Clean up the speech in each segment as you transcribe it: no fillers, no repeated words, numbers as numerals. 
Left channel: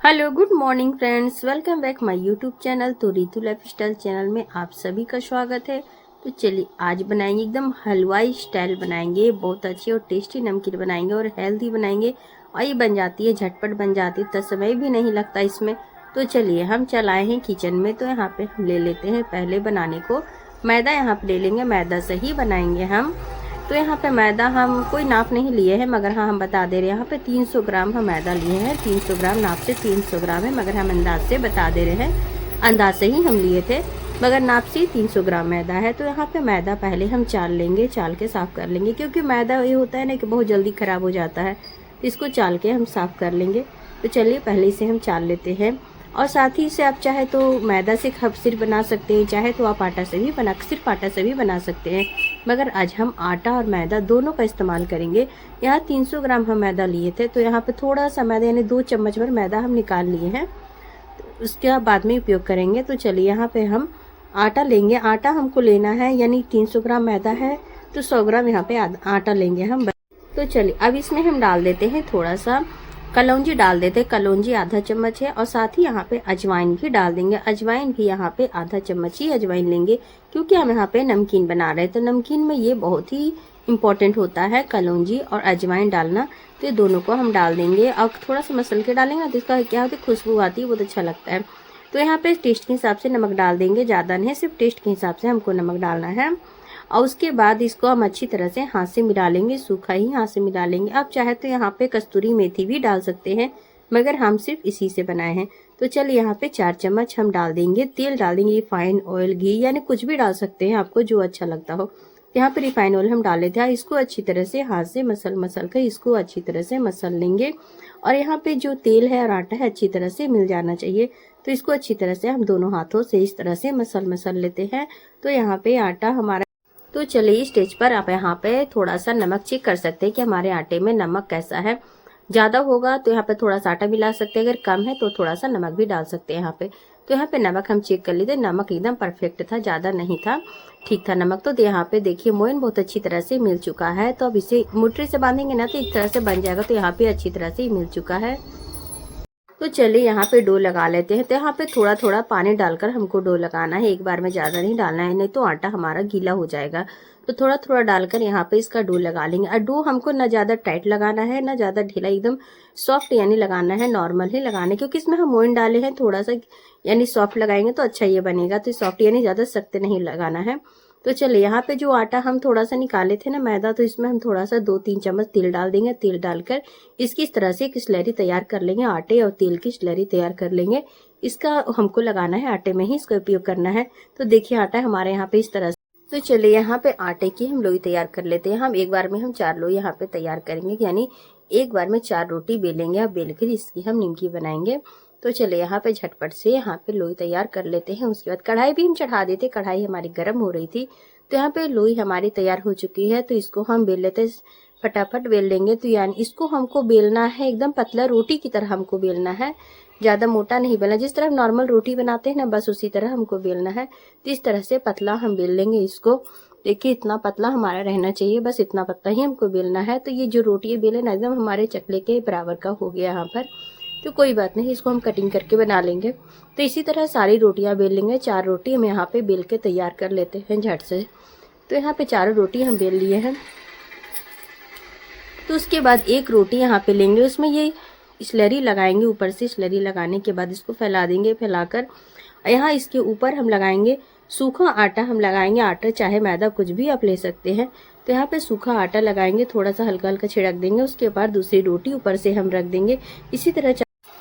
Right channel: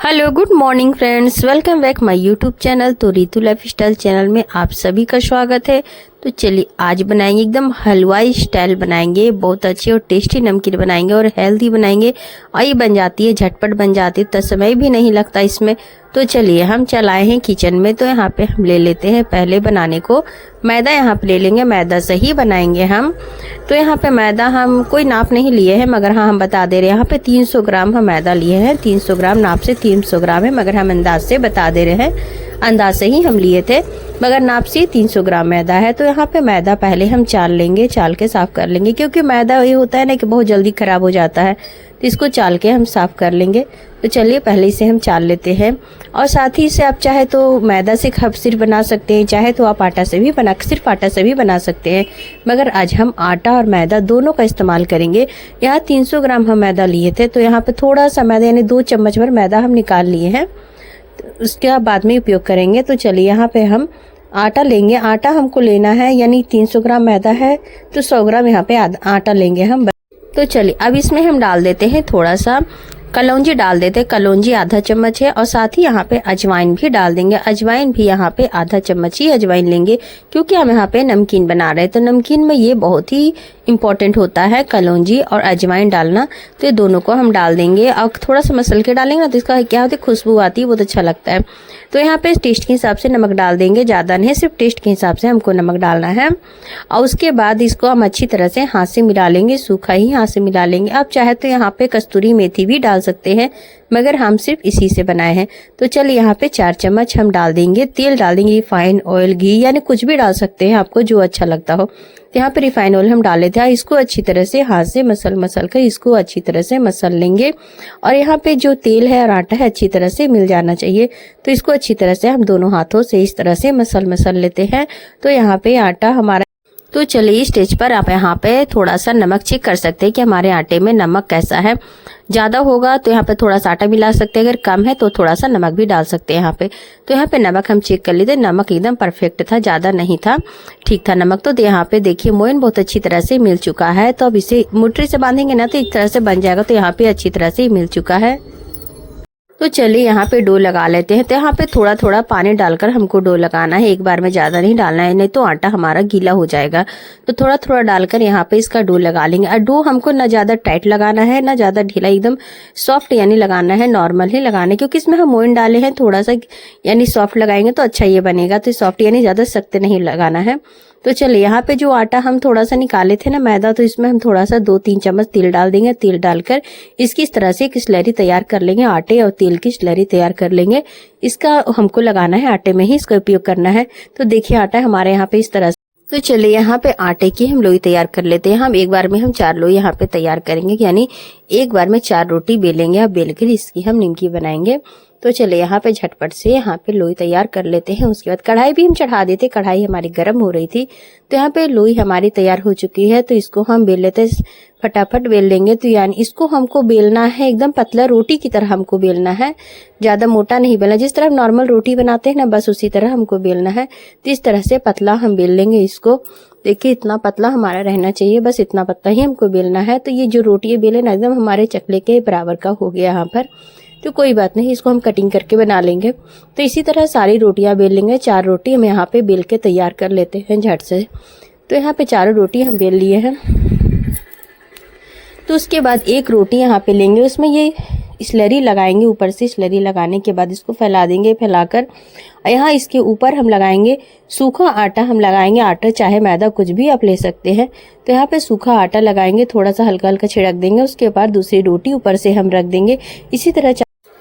Hello good morning friends, welcome back my YouTube channel. तो Ritu life style channel में आप सभी का स्वागत है। तो चलिए आज बनाएंगे एकदम हलवाई स्टाइल बनाएंगे, बहुत अच्छी और टेस्टी नमकीन बनाएंगे और हेल्दी बनाएंगे। और ये बन जाती है, झटपट बन जाती है, तो समय भी नहीं लगता इसमें। तो चलिए हम चलाए हैं किचन में। तो यहाँ पे हम ले लेते हैं पहले बनाने को मैदा। यहाँ पे ले लेंगे, मैदा से ही बनाएंगे हम। तो यहाँ पे मैदा हम कोई नाप नहीं लिए हैं, मगर हाँ हम बता दे रहे हैं। यहाँ पे 300 ग्राम हम मैदा लिए हैं। 300 ग्राम नाप से 300 ग्राम है, मगर हम अंदाज से बता दे रहे हैं। अंदाज से ही हम लिए थे, मगर नाप से 300 ग्राम मैदा है। तो यहाँ पे मैदा पहले हम चाल लेंगे, चाल के साफ कर लेंगे, क्योंकि मैदा ये होता है ना कि बहुत जल्दी खराब हो जाता है। तो इसको चाल के हम साफ कर लेंगे। तो चलिए पहले इसे हम चाल लेते हैं। और साथ ही से आप चाहे तो मैदा से खप सिर्फ बना सकते हैं, चाहे तो आप आटा से भी सिर्फ आटा से भी बना सकते हैं, मगर आज हम आटा और मैदा दोनों का इस्तेमाल करेंगे। यहाँ 300 ग्राम हम मैदा लिए थे, तो यहाँ पे थोड़ा सा मैदा यानी 2 चम्मच भर मैदा हम निकाल लिए हैं। तो उसके बाद में उपयोग करेंगे। तो चलिए यहाँ पे हम आटा लेंगे। आटा हमको लेना है, यानी 300 ग्राम मैदा है तो 100 ग्राम यहाँ पे आटा लेंगे हम। तो चलिए अब इसमें हम डाल देते हैं थोड़ा सा कलौंजी डाल देते हैं। कलौंजी आधा चम्मच है, और साथ ही यहाँ पे अजवाइन भी डाल देंगे। अजवाइन भी यहाँ पे आधा चम्मच ही अजवाइन लेंगे, क्योंकि हम यहाँ पे नमकीन बना रहे हैं। तो नमकीन में ये बहुत ही इम्पोर्टेंट होता है कलौंजी और अजवाइन डालना। तो ये दोनों को हम डाल देंगे, और थोड़ा सा मसल के डालेंगे ना, तो इसका क्या होता है, खुशबू आती है, बहुत अच्छा लगता है। तो यहाँ पे टेस्ट के हिसाब से नमक डाल देंगे, ज़्यादा नहीं, सिर्फ टेस्ट के हिसाब से हमको नमक डालना है। और उसके बाद इसको हम अच्छी तरह से हाथ से मिला लेंगे, सूखा ही हाथ से मिला लेंगे। आप चाहे तो यहाँ पे कस्तूरी मेथी भी डाल सकते हैं, मगर हम सिर्फ इसी से बनाए हैं। तो चलिए यहाँ पे 4 चम्मच हम डाल देंगे तेल, डाल देंगे रिफाइन ऑयल, घी, यानी कुछ भी डाल सकते हैं आपको जो अच्छा लगता हो। तो यहाँ पे रिफाइन ऑयल हम डाल लेते हैं। इसको अच्छी तरह से हाथ से मसल कर इसको अच्छी तरह से मसल लेंगे। और यहाँ पे जो तेल है और आटा है अच्छी तरह से मिल जाना चाहिए। तो इसको अच्छी तरह से हम दोनों हाथों से इस तरह से मसल लेते हैं। तो यहाँ पे आटा हमारा, तो चलिए स्टेज पर आप यहाँ पे थोड़ा सा नमक चेक कर सकते हैं कि हमारे आटे में नमक कैसा है। ज़्यादा होगा तो यहाँ पे थोड़ा सा आटा मिला सकते हैं, अगर कम है तो थोड़ा सा नमक भी डाल सकते हैं यहाँ पे। तो यहाँ पे नमक हम चेक कर लेते। नमक एकदम परफेक्ट था, ज़्यादा नहीं था, ठीक था नमक। तो यहाँ पे देखिए मोयन बहुत अच्छी तरह से मिल चुका है। तो अब इसे मोटरी से बांधेंगे ना तो एक तरह से बन जाएगा। तो यहाँ पे अच्छी तरह से मिल चुका है। तो चलिए यहाँ पे डो लगा लेते हैं। तो यहाँ पे थोड़ा थोड़ा पानी डालकर हमको डो लगाना है, एक बार में ज़्यादा नहीं डालना है, नहीं तो आटा हमारा गीला हो जाएगा। तो थोड़ा थोड़ा डालकर यहाँ पे इसका डो लगा लेंगे। और डो हमको ना ज़्यादा टाइट लगाना है ना ज़्यादा ढीला, एकदम सॉफ्ट यानी लगाना है, नॉर्मल ही लगाना है, क्योंकि इसमें हम मोइन डाले हैं। थोड़ा सा यानी सॉफ्ट लगाएंगे तो अच्छा ये बनेगा। तो सॉफ्ट यानी ज़्यादा सख्त नहीं लगाना है। तो चलिए यहाँ पे जो आटा हम थोड़ा सा निकाले थे ना मैदा, तो इसमें हम थोड़ा सा 2-3 चम्मच तेल डाल देंगे। तेल डालकर इसकी इस तरह से एक स्लरी तैयार कर लेंगे, आटे और तेल की स्लरी तैयार कर लेंगे। इसका हमको लगाना है, आटे में ही इसका उपयोग करना है। तो देखिए आटा हमारे यहाँ पे इस तरह से। तो चलिए यहाँ पे आटे की हम लोई तैयार कर लेते हैं। हम एक बार में हम 4 लोई यहाँ पे तैयार करेंगे, यानी एक बार में 4 रोटी बेलेंगे। अब बेल कर इसकी हम निमकी बनाएंगे। तो चले यहाँ पे झटपट से यहाँ पे लोई तैयार कर लेते हैं। उसके बाद कढ़ाई भी हम चढ़ा देते, कढ़ाई हमारी गर्म हो रही थी। तो यहाँ पे लोई हमारी तैयार हो चुकी है। तो इसको हम बेल लेते, फटाफट बेल लेंगे। तो यानी इसको हमको बेलना है एकदम पतला, रोटी की तरह हमको बेलना है, ज़्यादा मोटा नहीं बेलना। जिस तरह हम नॉर्मल रोटी बनाते हैं ना, बस उसी तरह हमको बेलना है। तो इस तरह से पतला हम बेल लेंगे इसको। देखिए इतना पतला हमारा रहना चाहिए, बस इतना पतला ही हमको बेलना है। तो ये जो रोटी बेले ना एकदम हमारे चकले के बराबर का हो गया यहाँ पर। तो कोई बात नहीं, इसको हम कटिंग करके बना लेंगे। तो इसी तरह सारी रोटियां बेल लेंगे। 4 रोटी हम यहाँ पे बेल के तैयार कर लेते हैं झट से। तो यहाँ पे 4 रोटी हम बेल लिए हैं। तो उसके बाद एक रोटी यहाँ पे लेंगे, उसमें ये स्लरी लगाएंगे ऊपर से। स्लरी लगाने के बाद इसको फैला देंगे। फैलाकर यहाँ इसके ऊपर हम लगाएंगे सूखा आटा। हम लगाएंगे आटा, चाहे मैदा कुछ भी आप ले सकते हैं। तो यहाँ पे सूखा आटा लगाएंगे, थोड़ा सा हल्का हल्का छिड़क देंगे। उसके बाद दूसरी रोटी ऊपर से हम रख देंगे। इसी तरह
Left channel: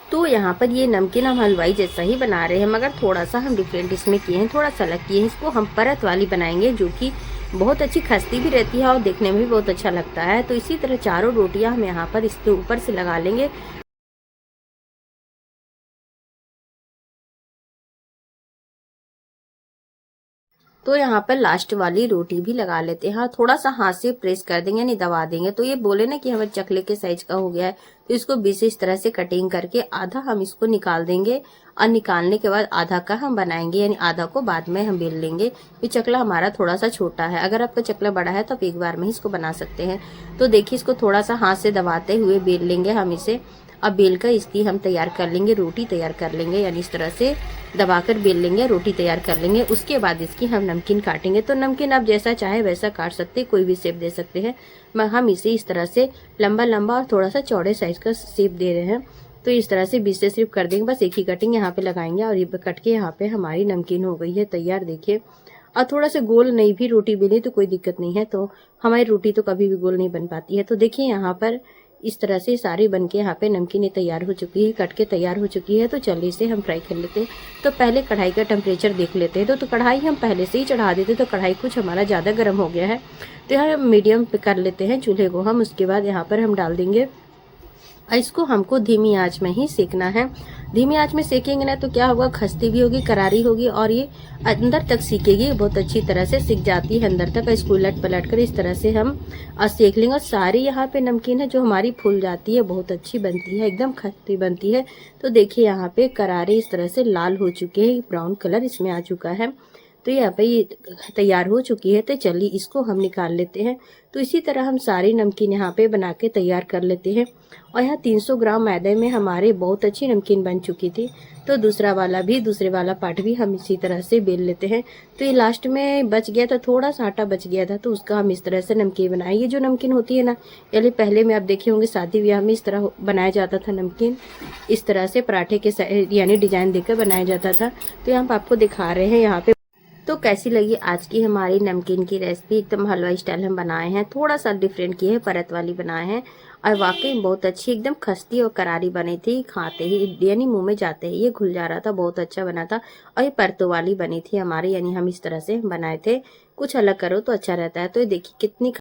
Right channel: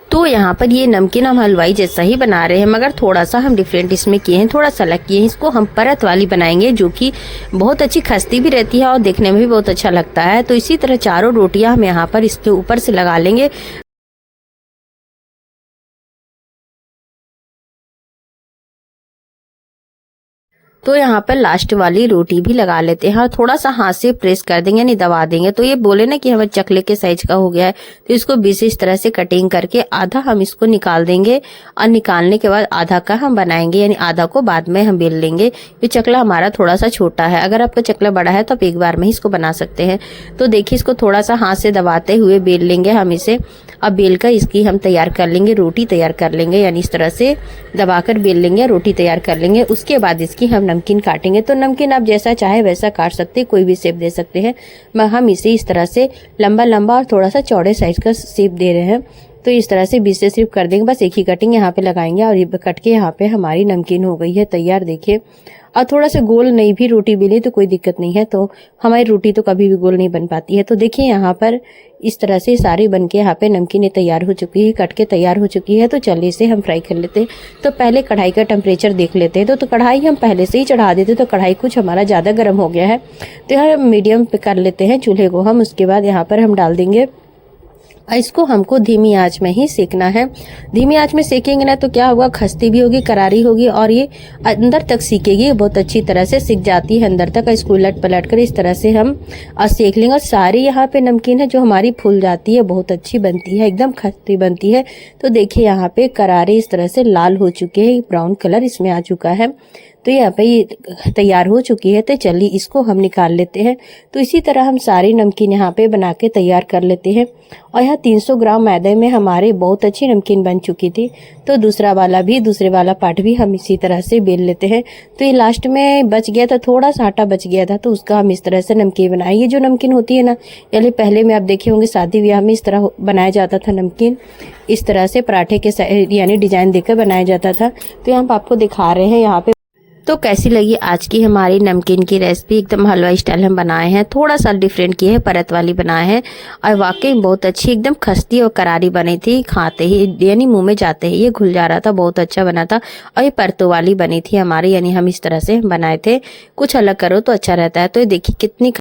तो यहाँ पर ये नमकीन हम हलवाई जैसा ही बना रहे हैं, मगर थोड़ा सा हम डिफरेंट इसमें किए हैं, थोड़ा सा अलग किए हैं। इसको हम परत वाली बनाएंगे, जो कि बहुत अच्छी खस्ती भी रहती है और देखने में भी बहुत अच्छा लगता है। तो इसी तरह 4 रोटियां हम यहाँ पर इसके ऊपर से लगा लेंगे। तो यहाँ पर लास्ट वाली रोटी भी लगा लेते हैं और थोड़ा सा हाथ से प्रेस कर देंगे, यानी दबा देंगे। तो ये बोले ना कि हमारे चकले के साइज का हो गया है। तो इसको बीच इस तरह से कटिंग करके आधा हम इसको निकाल देंगे, और निकालने के बाद आधा का हम बनाएंगे, यानी आधा को बाद में हम बेल लेंगे। ये चकला हमारा थोड़ा सा छोटा है, अगर आपका चकला बड़ा है तो आप एक बार में ही इसको बना सकते हैं। तो देखिए इसको थोड़ा सा हाथ से दबाते हुए बेल लेंगे हम इसे। अब बेल कर इसकी हम तैयार कर लेंगे, रोटी तैयार कर लेंगे, यानी इस तरह से दबाकर बेल लेंगे, रोटी तैयार कर लेंगे। उसके बाद इसकी हम नमकीन काटेंगे। तो नमकीन आप जैसा चाहे वैसा काट सकते हैं, कोई भी शेप दे सकते हैं। हम इसे इस तरह से लंबा लंबा और थोड़ा सा चौड़े साइज का शेप दे रहे हैं। तो इस तरह से बीच से सिर्फ कर देंगे, बस एक ही कटिंग यहाँ पे लगाएंगे और ये कट के यहाँ पे हमारी नमकीन हो गई है तैयार। देखिए, और थोड़ा सा गोल नहीं भी रोटी बेले तो कोई दिक्कत नहीं है, तो हमारी रोटी तो कभी भी गोल नहीं बन पाती है। तो देखिए यहाँ पर इस तरह से सारी बन के यहाँ पे नमकीनें तैयार हो चुकी है, कट के तैयार हो चुकी है। तो चलिए इसे हम फ्राई कर लेते हैं। तो पहले कढ़ाई का टेम्परेचर देख लेते हैं। तो कढ़ाई हम पहले से ही चढ़ा देते, तो कढ़ाई कुछ हमारा ज़्यादा गर्म हो गया है। तो यहाँ मीडियम पे कर लेते हैं चूल्हे को हम। उसके बाद यहाँ पर हम डाल देंगे, इसको हमको धीमी आंच में ही सेकना है। धीमी आंच में सेकेंगे ना तो क्या होगा, खस्ती भी होगी, करारी होगी और ये अंदर तक सीखेगी, बहुत अच्छी तरह से सीख जाती है अंदर तक। इसको उलट पलट कर इस तरह से हम सेक लेंगे। और सारी यहाँ पे नमकीन है जो हमारी फूल जाती है, बहुत अच्छी बनती है, एकदम खस्ती बनती है। तो देखिए यहाँ पे करारे इस तरह से लाल हो चुके हैं, ब्राउन कलर इसमें आ चुका है। तो यहाँ पे ये तैयार हो चुकी है। तो चलिए इसको हम निकाल लेते हैं। तो इसी तरह हम सारी नमकीन यहाँ पे बना के तैयार कर लेते हैं। और यहाँ 300 ग्राम मैदे में हमारी बहुत अच्छी नमकीन बन चुकी थी। तो दूसरे वाला पार्ट भी हम इसी तरह से बेल लेते हैं। तो ये लास्ट में बच गया था, थोड़ा सा आटा बच गया था, तो उसका हम इस तरह से नमकीन बनाए। ये जो नमकीन होती है ना, यानी पहले में आप देखे होंगे शादी ब्याह में इस तरह बनाया जाता था नमकीन, इस तरह से पराठे के यानी डिजाइन देकर बनाया जाता था। तो यहाँ आपको दिखा रहे हैं यहाँ पे। तो कैसी लगी आज की हमारी नमकीन की रेसिपी? एकदम हलवाई स्टाइल हम बनाए हैं, थोड़ा सा डिफरेंट किए हैं, परत वाली बनाए हैं और वाकई बहुत अच्छी, एकदम खस्ती और करारी बनी थी। खाते ही यानी मुंह में जाते ही ये घुल जा रहा था, बहुत अच्छा बना था। और ये परतों वाली बनी थी हमारी, यानी हम इस तरह से बनाए थे। कुछ अलग करो तो अच्छा रहता है। तो ये देखिए कितनी